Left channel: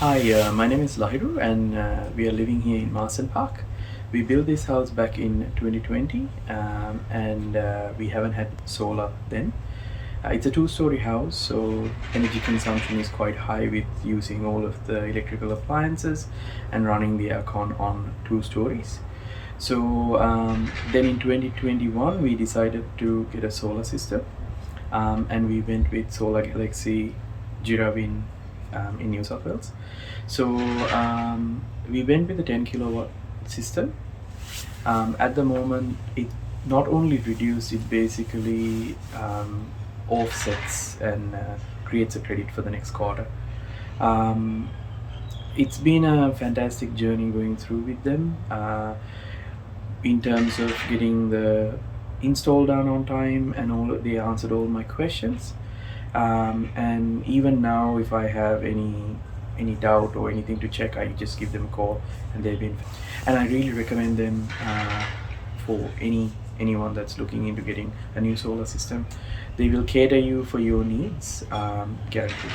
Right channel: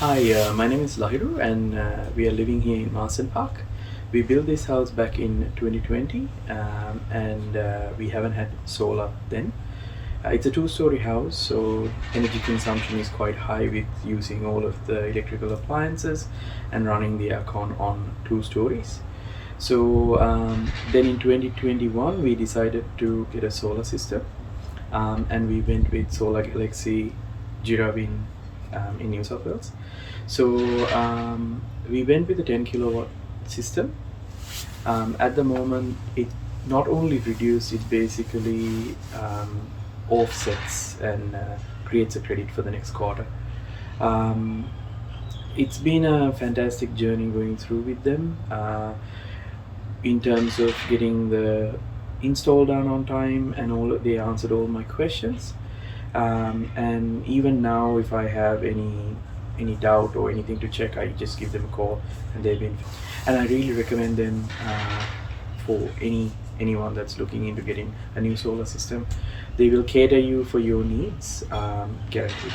Hi, my name is Lahiru, and we are living here in Marsden Park. We built this house back in 2020, and we haven't had solar then. It's a two-story house, so energy consumption is quite high with using all of the electrical appliances and running the aircon on two stories. So then in 2021, we decided to get a solar system, and we went with Solar Galaxy Girraween in New South Wales. So we went with a 10 kilowatt system. At the moment, it not only reduced, it basically offsets and creates a credit for the next quarter. Um, it's been a fantastic journey going through with them in terms of getting the install done on time, and all they answered all my questions. And even now, if I have any doubt or anything to check, I just give them a call, and they've been, and I really recommend them for anyone that's looking into getting a new solar system. They will cater you for your needs, guaranteed.